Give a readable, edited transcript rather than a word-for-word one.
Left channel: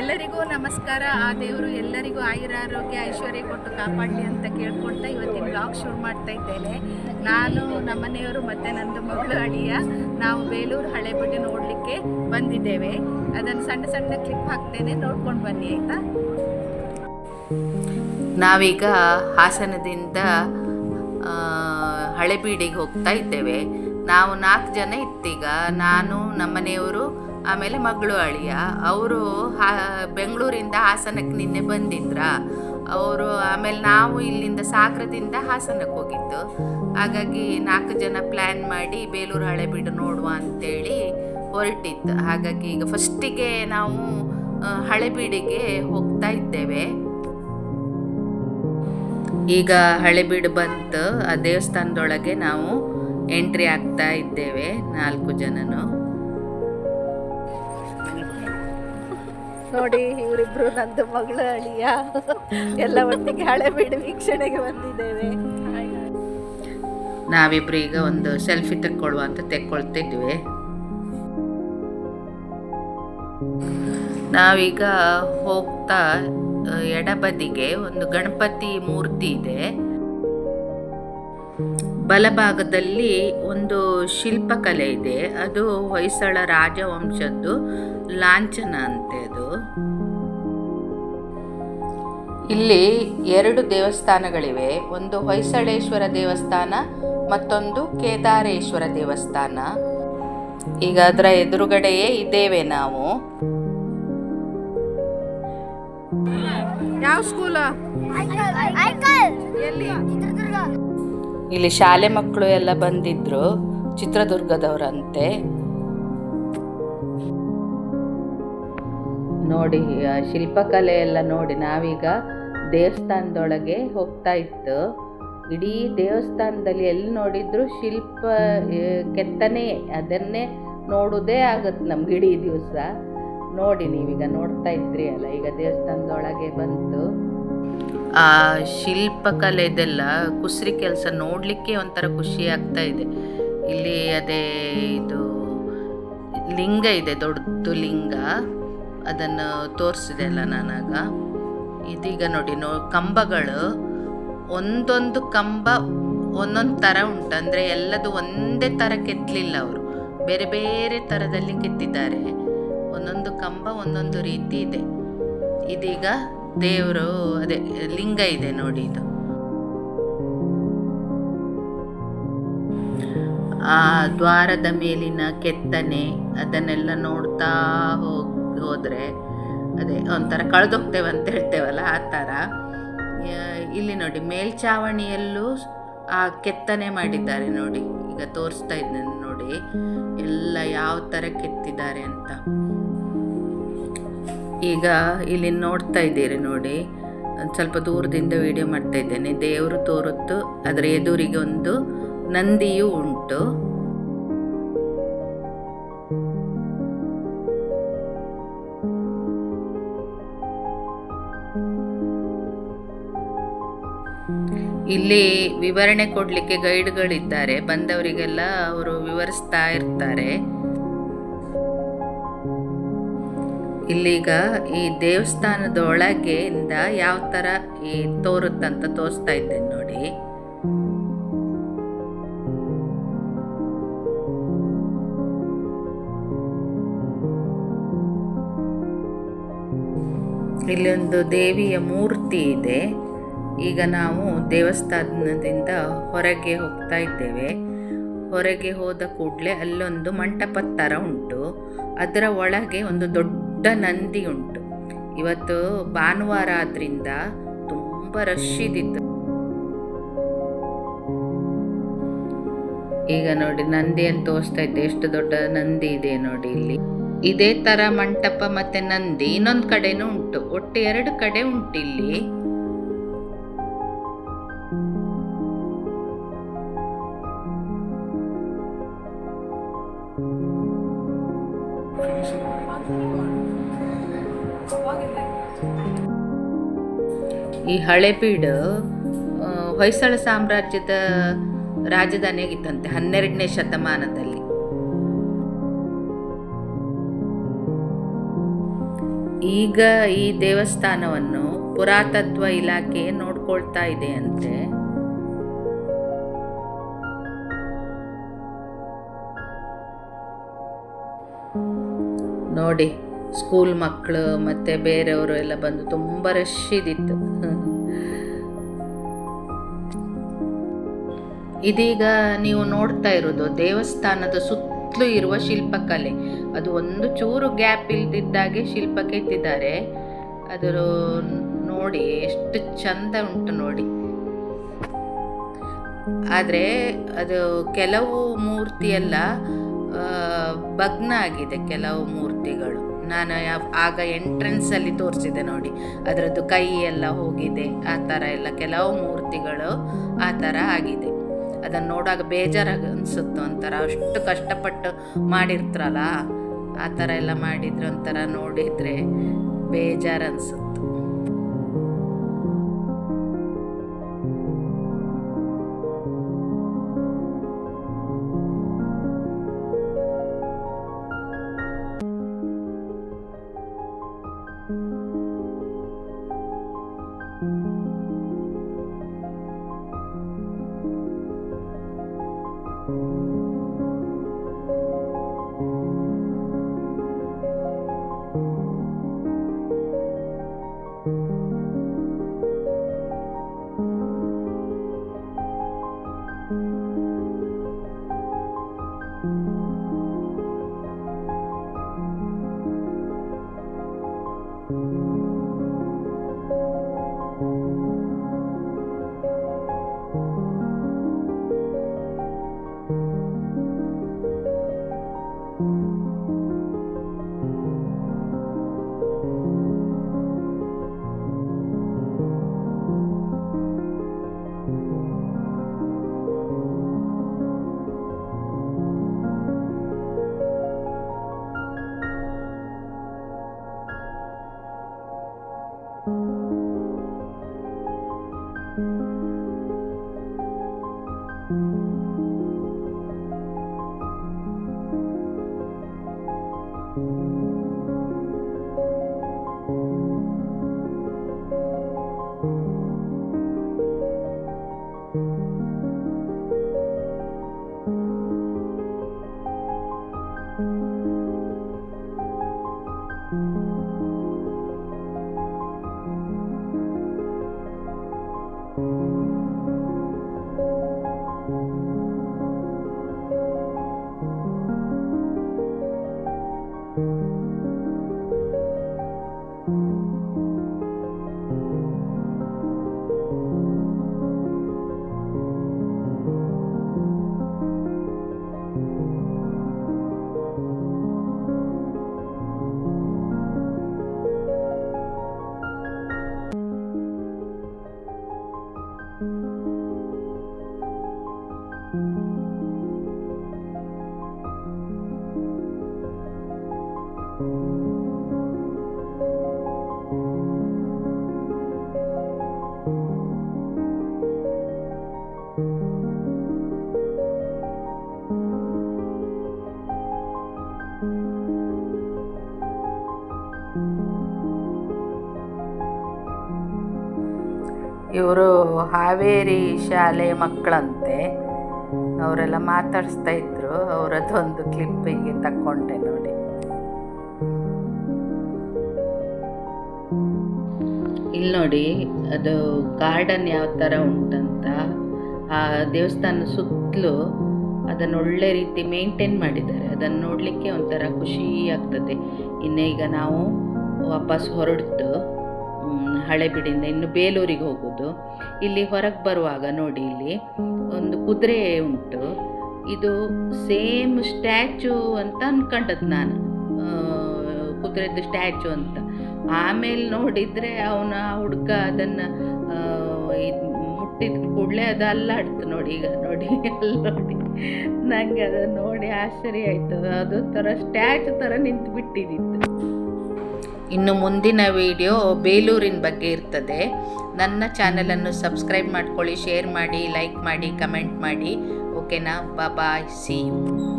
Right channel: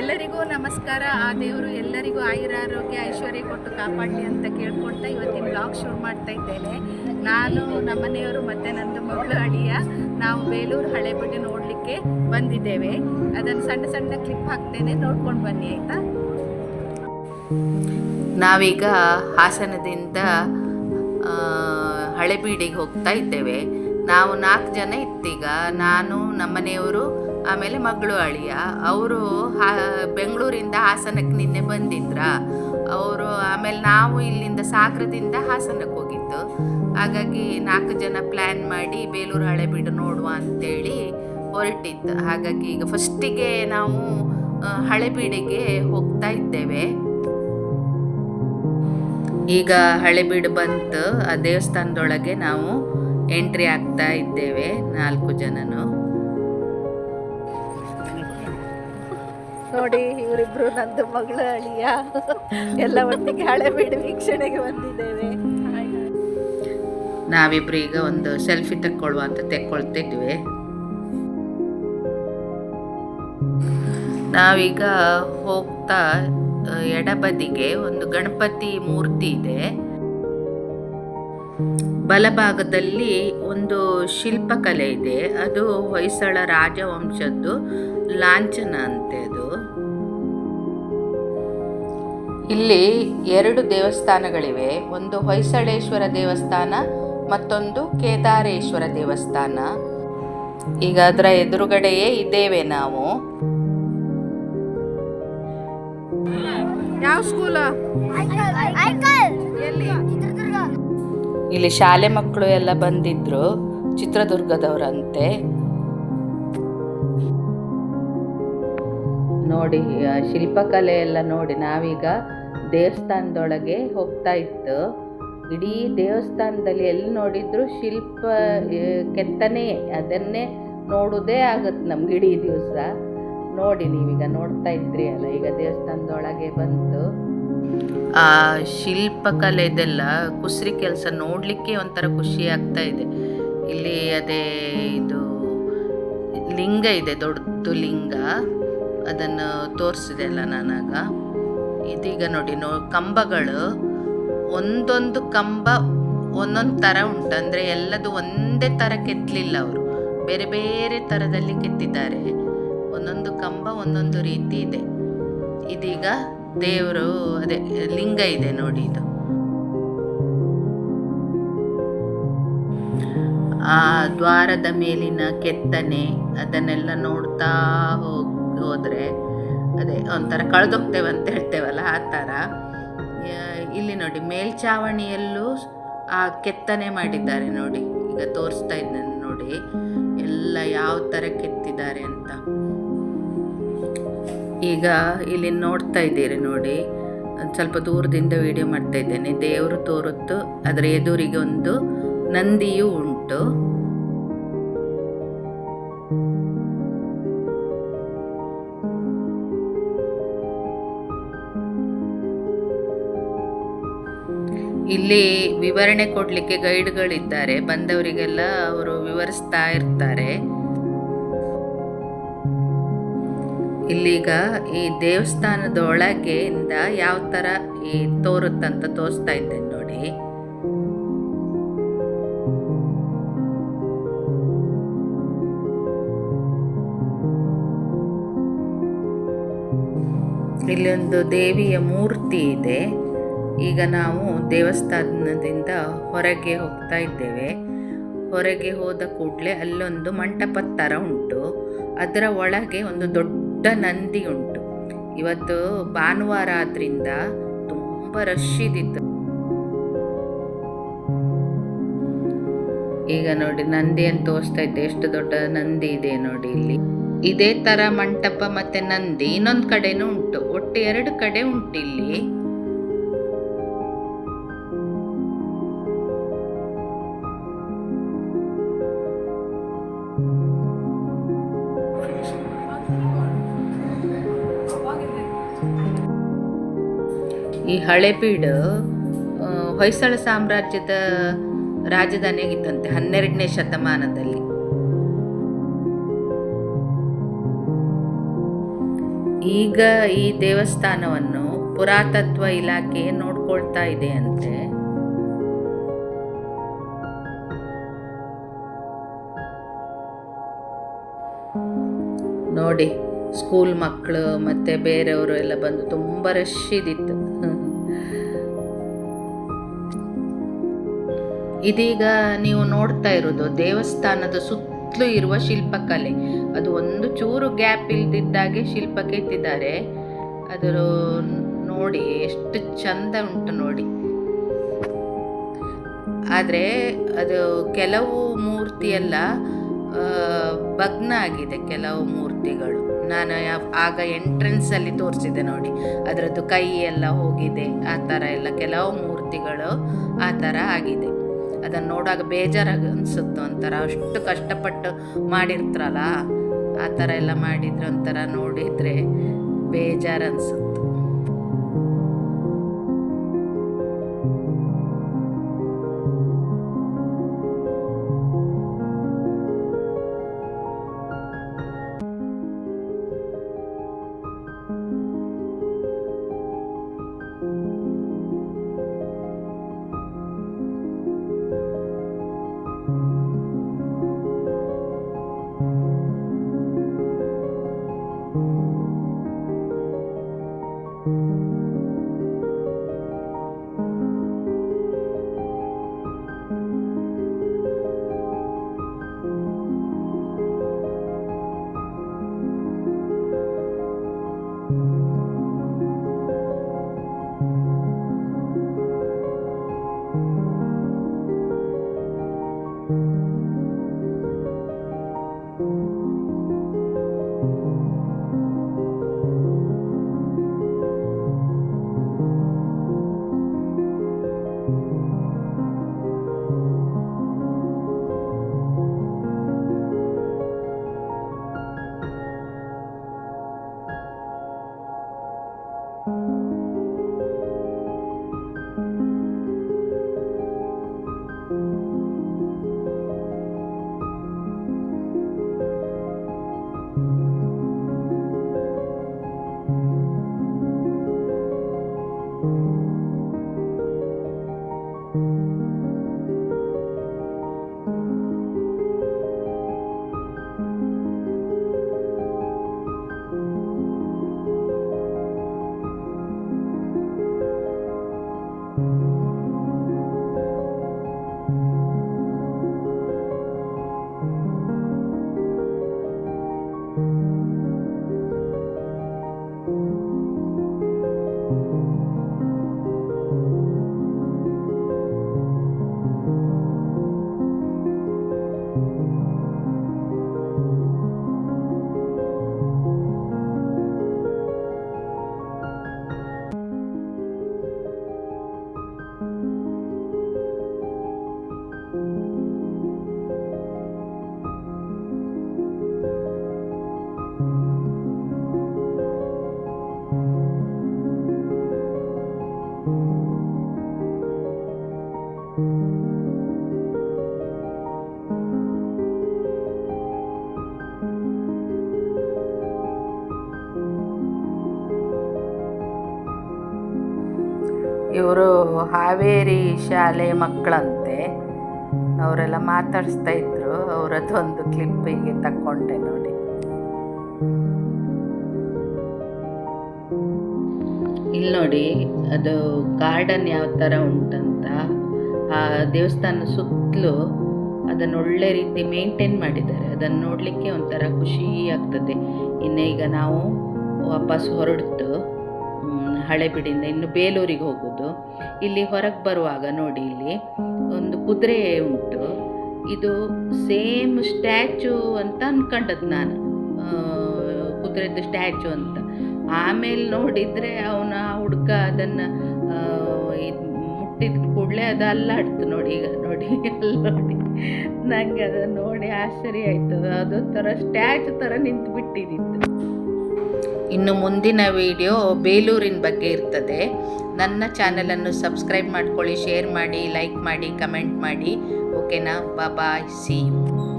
ಎಲ್ಲರಿಗೂ ನಮಸ್ಕಾರ. ಆ ದೇವರು ಎಲ್ಲರಿಗೂ ಆಯುರಾರೋಗ್ಯ ಐಶ್ವರ್ಯ ಕೊಟ್ಟು ಕಾಪಾಡಲಿ ಅಂತ ಕೇಳ್ಕೊಳ್ತಾ ಇವತ್ತಿನ ಬ್ಲಾಗ್ ಶುರು ಮಾಡ್ತಾ ಇದ್ದೇನೆ. ನಾನು ನಮ್ಮನೆಯವರು ಮತ್ತು ನಂದು ಮಗಳು ಅಳಿಯ ನಾವು ಬೇಲೂರು ಹಳೆಬೀಡು ನೋಡಲಿಕ್ಕೆ ಬಂದಿದ್ದೇವೆ. ಅದನ್ನು ಸಣ್ಣ ಸಣ್ಣ ಕ್ಲಿಪ್ ಹಾಕ್ತೇನೆ, ನೋಡ್ಕೊಂಡು ಬನ್ನಿ ಆಯಿತಾ. ನಾವೀಗ ಹಾಸನದಿಂದ ಹಳೆಬೀಡಿಗೆ ಹೋಗ್ತಾ ಇದ್ದೇವೆ. ನಾವು 4 ಜನ ಇತ್ತೀಗ, ನಾನು ನಮ್ಮನೆಯವರು ಆಮೇಲೆ ಮಗಳು ಅಳಿಯ. ಅವರು ಬೆಂಗಳೂರಿಂದ ಹಾಸನಕ್ಕೆ ನಿನ್ನೆ ಬಂದಿದ್ರ ಅವರು. ಆಮೇಲೆ ನಾವು ಇಲ್ಲಿಂದ ಸಾಗರದಿಂದ ಹಾಸನಕ್ಕೆ ಹೋಗಿದ್ದು. ಹಾಗಾಗಿ 4 ಜನ ಪ್ಲ್ಯಾನ್ ಮಾಡಿ ಬೇಲೂರು ಹಳೆಬೀಡು ನೋಡುವ ಅಂತೇಳಿ ಹೊರಟಿದ್ದು. ಹಾಗಾಗಿ ಈಗ ಫಸ್ಟಿಗೆ ನಾವು ಹಳೆಬೀಡಿಗೆ ಹೋಗ್ತಾ ಇದ್ದೇವೆ. ಈಗ ಹಳೆಬೀಡು ಬಂತು. ಆ ದೇವಸ್ಥಾನದೊಳಗೆ ನಾವು ಎಂಟ್ರಿ ಆಗ್ತಾ ಇದ್ದೇವೆ 4 ಜನನು. ನೋಡಿ, ಇವರಿಬ್ರು ನಂದು ಮಗಳು ಅಳಿಯ ಎಲ್ಲ ಒಟ್ಟಿಗೆ ಹಳೆಬೀಡು ವೀಕ್ಷಣೆಗೆ ಬಂದಿದ್ದೇವೆ. ನಾವಿಬ್ರು ಈಗ ಒಂದು ಸೆಲ್ಫಿ ತಕ್ಕೊಳ್ಳುವ ಅಂತ ತೆಕ್ಕೊಳ್ತಿದ್ವಿ. ನಾವೀಗ ಹೋಗ್ತಾ ಎಡಬದಿಗೆ ಒಂದು ಗಣಪತಿ ಮೂರ್ತಿ ಇದೆ. ಬಲಭಾಗದಲ್ಲಿ ಒಂದು ಶಿಲ್ಪಕಲೆ ಇದೆ. ಅದು ಹೊಯ್ಸಳ ರಾಜವಂಶದ್ದು ಲಾಂಛನ ಅಂತೆ ಅದು. ಇಲ್ಲಿ 2 ದೇವಸ್ಥಾನಗಳಿವೆ. ಒಂದು ಹೊಯ್ಸಳೇಶ್ವರ ದೇವಸ್ಥಾನ, ಮತ್ತೊಂದು ಕೇದಾರೇಶ್ವರ ದೇವಸ್ಥಾನ. ಈಗ ಅದರ ಎದುರುಗಡೆಯೇ ಇದ್ದೇವೆ ನಾವು. ಯಾವ ಸ್ಕೂಲ? ಇಲ್ಲಿ ಶಾಲೆ ಮಕ್ಕಳು ಎಲ್ಲ ಬಂದಿದ್ರು, ಚಿತ್ರದುರ್ಗದವರಂತೆ. ನೋಡಿ ಶಿಲ್ಪಕಲೆ ಎಲ್ಲ ನೋಡಿ. ನಾವೀಗ ದೇವಸ್ಥಾನದೊಳಗೆ ಹೋಗ್ತಾ ಇತ್ತು. ಇಡೀ ದೇವಸ್ಥಾನದಲ್ಲಿ ಎಲ್ಲಿ ನೋಡಿದ್ರು ಶಿಲ್ಪ ಕೆತ್ತನೆ, ಅದನ್ನೇ ನೋಡೋದೇ ಆಗುತ್ತೆ ನಮ್ಗೆ ಇಡೀ ದಿವಸ. ನೋಡಿ, ನೀವೀಗ ನೋಡ್ತಾ ಇದ್ರಿ ಅಲ್ಲ, ಈಗ ದೇವಸ್ಥಾನದೊಳಗೆ ಬಂತು. ಆ ಶಿಲ್ಪಕಲೆದೆಲ್ಲ ಕುಸ್ರಿ ಕೆಲಸ ನೋಡಲಿಕ್ಕೆ ಒಂಥರ ಖುಷಿ ಆಗ್ತಾ ಇದೆ. ಇಲ್ಲಿ ಅದೇ ಇದು ಲಿಂಗ ಇದೆ, ದೊಡ್ಡ ಲಿಂಗ, ಅದನ್ನು ತೋರಿಸಿದೆ ಅಲ್ಲ ನಾನಾಗ. ಇದೀಗ ನೋಡಿ ಕಂಬಗಳು, ಒಂದೊಂದು ಕಂಬ ಒಂದೊಂದು ಥರ ಉಂಟು. ಅಂದರೆ ಎಲ್ಲದು ಒಂದೇ ಥರ ಕೆತ್ತಲಿಲ್ಲ, ಅವರು ಬೇರೆ ಬೇರೆ ಥರದಲ್ಲಿ ಕೆತ್ತಿದ್ದಾರೆ. ಒಂದೊಂದು ಕಂಬ ಒಂದೊಂದು ರೀತಿ ಇದೆ. ಇದೀಗ ದೇವರು ಅದೇ ಲಿಂಗ ಇದೆ ನೋಡಿ. ಇದು ಆ ದ್ವಾರದ ಮೇಲಿನ ಕೆತ್ತನೆ, ಅದನ್ನೆಲ್ಲ ನೋಡ್ತಾ ಹೋದರೆ ಅದೇ ಒಂಥರ ಕಳೆದೋಗ್ತೇವೆ ಅಂತ ಹೇಳ್ತೇವಲ್ಲ, ಆ ಥರ. ಇಲ್ಲಿ ನೋಡಿ ಮೇಲ್ಛಾವಣಿಯಲ್ಲೂ ಆ ಕೆತ್ತನೆ ಮಾಡಿದ್ದಾರೆ ನೋಡಿ. ಈಗ ತೋರಿಸ್ತಾ ಇದ್ದೇನೆ ನೋಡಿ ಎಲ್ಲ ಯಾವ ಥರ ಕೆತ್ತಿದ್ದಾರೆ ಅಂತ. ಈಗ ಇಲ್ಲಿ ನೋಡ್ತಾ ಇದ್ದೀರಿ ನೋಡಿ, ಸ್ವಲ್ಪ ದೂರದಿಂದ ವಿಡಿಯೋ ಮಾಡ್ತಾ ಇದ್ದೇನೆ. ದೇವರು ತೋರುತ್ತು, ಅದರ ಎದುರಿಗೆ ಒಂದು ನಂದಿಯೂ ಉಂಟು. ಇಲ್ಲಿ ವಿವರಣೆ ಕೊಡಲಿಕ್ಕೆ ಗೈಡ್ಗಳಿದ್ದಾರೆ. ಬಂದವರಿಗೆಲ್ಲ ಅವರು ವಿವರಿಸ್ತಾ ಇರ್ತಾರೆ. ಇಲ್ಲೀಗ ಈ ದೇವಸ್ಥಾನದ ಒಳಗೆಯಿಂದ ಯಾವ ಥರ ಈ ತೋರುತ್ತಂತ ತೋರಿಸ್ತಾ ಇದ್ದೇನೆ ನೋಡಿ. ಇಲ್ಲೊಂದು ದೇವಿಯ ಮೂರ್ತಿ ಇದೆ. ಈಗ ನಾವು ದೇವಸ್ಥಾನದಿಂದ ಹೊರಗೆ ಹೋಗ್ತಾ ಇದ್ದೇವೆ. ಹೊರಗೆ ಹೋದ ಕೂಡಲೇ ಅಲ್ಲೊಂದು ಮಂಟಪದ ಥರ ಉಂಟು. ಅದರ ಒಳಗೆ ಒಂದು ದೊಡ್ಡ ನಂದಿ ಉಂಟು. ಇವತ್ತು ಭಾನುವಾರ ಆದ್ರಿಂದ ತುಂಬ ರಶ್ ಇದ್ದಿತ್ತು. ಈಗ ನೋಡಿ ನಂದಿಯನ್ನು ತೋರಿಸ್ತಾ ಇದ್ದೆ, ಎಷ್ಟು ದೊಡ್ಡ ನಂದಿ ಇದೆ ನೋಡಿ. ಇಲ್ಲಿ ಇದೇ ಥರ ಮಂಟಪ ಮತ್ತು ನಂದಿ ಇನ್ನೊಂದು ಕಡೆನೂ ಉಂಟು. ಒಟ್ಟು 2 ಕಡೆ ಉಂಟು ಇಲ್ಲಿ. ಈ ಹಳೆಬೀಡು ಹೊಯ್ಸಳ ಸಾಮ್ರಾಜ್ಯದ ರಾಜಧಾನಿಯಾಗಿತ್ತಂತೆ 12ನೇ ಶತಮಾನದಲ್ಲಿ. ಈಗ ಈ ದೇವಸ್ಥಾನವನ್ನು ಪುರಾತತ್ವ ಇಲಾಖೆ ನೋಡ್ಕೊಳ್ತಾ ಇದೆ ಅಂತೆ. ನೋಡಿ, ಸ್ಕೂಲ್ ಮಕ್ಕಳು ಮತ್ತು ಬೇರೆಯವರು ಎಲ್ಲ ಬಂದು ತುಂಬ ರಶ್ ಇದ್ದಿತ್ತು. ಇದೀಗ ನೀವು ನೋಡ್ತಾ ಇರೋದು ದೇವಸ್ಥಾನದ ಸುತ್ತಲೂ ಇರುವ ಶಿಲ್ಪಕಲೆ. ಅದು ಒಂದು ಚೂರು ಗ್ಯಾಪ್ ಇಲ್ದಿದ್ದಾಗೆ ಶಿಲ್ಪ ಕೆತ್ತಿದ್ದಾರೆ. ಅದರ ನೋಡಿ ಎಷ್ಟು ಚಂದ ಉಂಟು ನೋಡಿ. ಆದರೆ ಅದು ಕೆಲವು ಮೂರ್ತಿಯೆಲ್ಲ ಭಗ್ನ ಆಗಿದೆ, ಕೆಲವು ಮೂರ್ತಿಗಳು. ನಾನು ಆಗ ಎಂಟ್ರೆನ್ಸಲ್ಲಿ ತೋರಿಸಿದೆ ನೋಡಿ, ಅದರದ್ದು ಕೈ ಎಲ್ಲ ಹೋಗಿದೆ, ಆ ಥರ ಎಲ್ಲ ಕೆಲವು ಮೂರ್ತಿಗಳು ಆ ಥರ ಆಗಿದೆ. ಅದನ್ನು ನೋಡುವಾಗ ಬೇಜಾರಾಗ ಅನಿಸುತ್ತೆ ಒಂಥರ. ಅಷ್ಟು ಕಷ್ಟಪಟ್ಟು ಮಾಡಿರ್ತಾರಲ್ಲ, ಆ ಥರ ಎಲ್ಲ ಮಾಡಿದ್ರೆ ಒಂಥರ ನೋಡಿದರೆ ಬೇಜಾರು ಅನಿಸುತ್ತೆ. ಇವರು ಹಾವೇರಿ ಶಾಲೆ ಮಕ್ಕಳಂತೆ. ಅವರೆಲ್ಲ ಮಾತಾಡಿಸ್ತಾ ಇದ್ರು. ಅವರದ್ದೊಂದು ಕ್ಲಿಪ್ಪಿಗೆ ತಕ್ಕೊಂಡೆ ನೋಡಿ. ಇಲ್ಲಿ ನೋಡಿ, ಅದು ಗಾರ್ಡನ್ ಯಾವ ಥರ ಉಂಟಂತ. ಆ ದೇವಸ್ಥಾನ ಸುತ್ತಲೂ ಅದನ್ನು ಒಳ್ಳೆ ರೀತಿ ಮೇಂಟೈನ್ ಮಾಡಿದ್ದಾರೆ. ಅದನ್ನು ನೋಡಲಿಕ್ಕೆ ಒಂಥರ ಖುಷಿ ಆಗ್ತದೆ. ಇನ್ನು ಈಗ ನಾವು ವಾಪಸ್ ಹೊರಡ್ತು ಹಳೆಬೀಡಿಂದ ಇನ್ನು ಬೇಲೂರಿಗೆ ಹೋಗೋದು. ಇಲ್ಲಿ ಹೊರಗೆ ಬರುವಾಗ ನೋಡಿ, ಇಲ್ಲಿ ಒಂದು ಕುದುರೆ ಉಂಟು. ಇದು ಸೇಮ್ ಸ್ಟ್ಯಾಚು ಅಂತ ಅಂದ್ಕೊಂಡದ್ದು ನಾನು, ಕುದುರೆದು ಸ್ಟ್ಯಾಚು ಅಂತ. ಆಮೇಲೆ ನೋಡಿದರೆ ಅವನ ಹುಡುಗ ಅದನ್ನು ಮುಟ್ಟಿದ ಕೂಡಲೇ ಅದು ಅಲ್ಲಾಡ್ತು ನೋಡಿ. ಈಗ ನೋಡಿ, ಅಲ್ಲಿ ನೋಡಿ, ನನಗೆ ಅದನ್ನು ನೋಡಿ ಆಶ್ಚರ್ಯ ಆಯಿತು. ಅದೊಂಥರ ಸ್ಟ್ಯಾಚು ಥರ ನಿಂತು ಬಿಟ್ಟಿದ್ದಿತ್ತು. ಇನ್ನು ಮುಂದಿನ ವಿಡಿಯೋ ಬೇಲೂರಿನ ಬಗ್ಗೆ ಇರ್ತದೆ. ನನ್ನ ಚಾನಲನ್ನು ಸಬ್ಸ್ಕ್ರೈಬ್ ಮಾಡ್ಕೊಳ್ಳಿ, ಶೇರ್ ಮಾಡಿ, ಲೈಕ್ ಮಾಡಿ, ಕಮೆಂಟ್ ಮಾಡಿ. ಓಕೆನಾ? ಬಾಯ್, ಸಿ ಯು.